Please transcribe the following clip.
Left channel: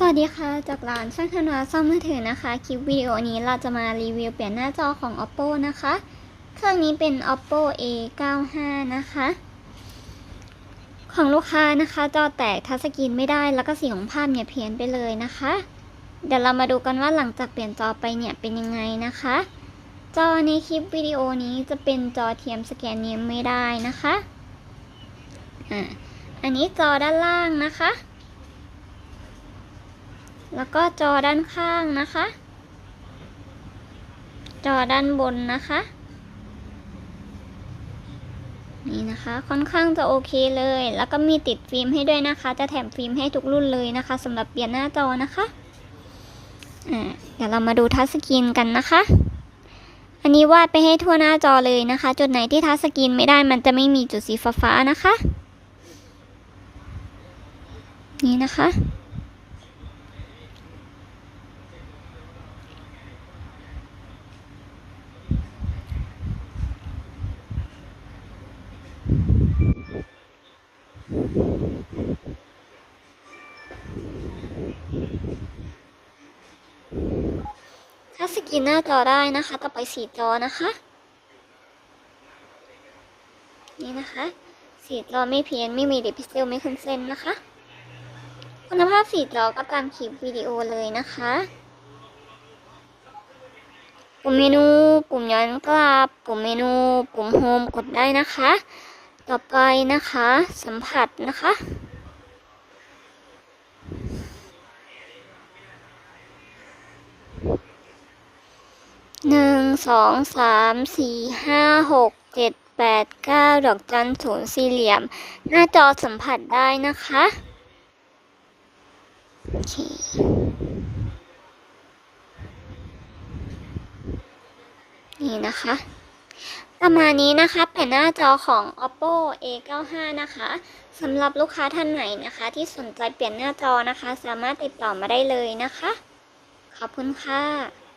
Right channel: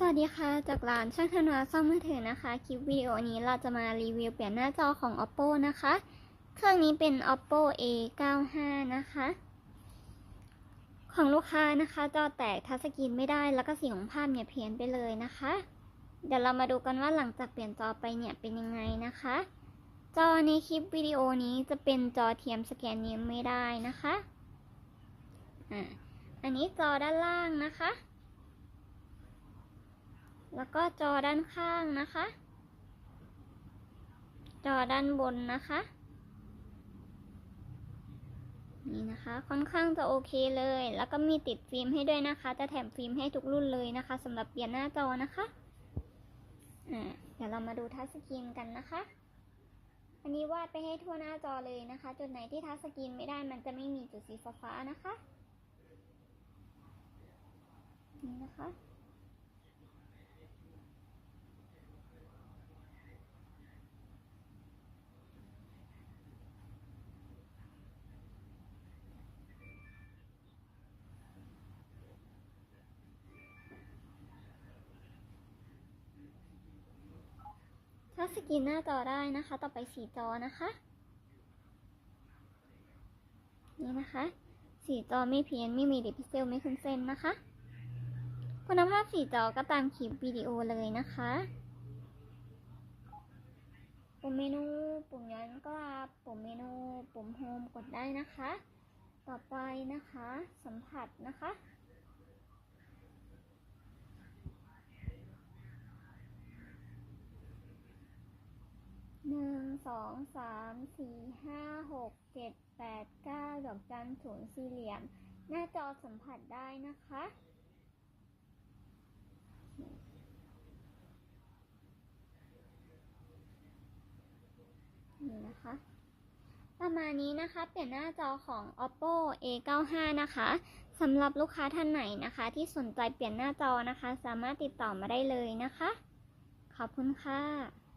สวัสดีค่ะจากร้านช่างธนาซ่อมมือถือนะคะ คลิปวิดีโอนี้เราจะมารีวิวเปลี่ยนหน้าจอของ oppo นะคะ เครื่องนี้เป็น oppo a 9 5นะคะ ของลูกค้านะคะ จอแตกทัชสกรีนไม่ได้แล้วก็สีของภาพเนี่ยเพี้ยนไปเลยนะคะ เดี๋ยวเรามาดูกันว่าหลังจากเปลี่ยนจอไปเนี่ยเป็นยังไงนะคะ จอในคลิปวิดีโอนี้จะเป็นจอเทียมสแกนนิ้วไม่ได้นะคะอ่าอันนี้จอด้านล่างนะคะ แล้วก็จอด้านข้างนะคะ จอด้านบนนะคะ นี่นะคะ ค่อนข้างจะโอเคเลย แล้วก็มีติดฟิล์มให้ด้วยนะคะ จะแถมฟิล์มให้ทุกรุ่นเลยนะคะสำหรับเปลี่ยนหน้าจอนะคะอ่าเดี๋ยวเรามาดูทัชสกรีนกันนะคะ อันนี้วาดไปให้ทั่วหน้าจอเลยนะคะ จุดไหนที่ทัชสกรีนไม่ได้มันจะไม่มีจุดสีฟ้าๆนะคะ นี่นะคะ ถ้าสกรีนหน้าจอได้นะคะ ต่อไปสีจอนะคะ นี่นะคะสีจอไม่เพี้ยนไม่มีดิพิเซลไม่ขึ้นเส้นนะคะ คุณภาพสีจอก็ตามคลิปวิดีโอเลยนะคะปุ่มเมนู ปุ่มย้อนกลับ ปุ่มเมนู ปุ่มโฮมกดได้นะคะ ต่อไปนะคะ สัมผัสนะคะ หนึ่งสองสามสี่ห้าหกเจ็ดแปดเก้าดอกจันศูนย์สี่เหลี่ยม หน้าจอสัมผัสได้นะคะโอเคนี่นะคะ ประมาณนี้นะคะเป็นหน้าจอของ oppo a 9 5 นะคะสำหรับลูกค้าท่านไหนนะคะ ที่สนใจเปลี่ยนหน้าจอนะคะ สามารถติดต่อมาได้เลยนะคะ ขอบคุณค่ะ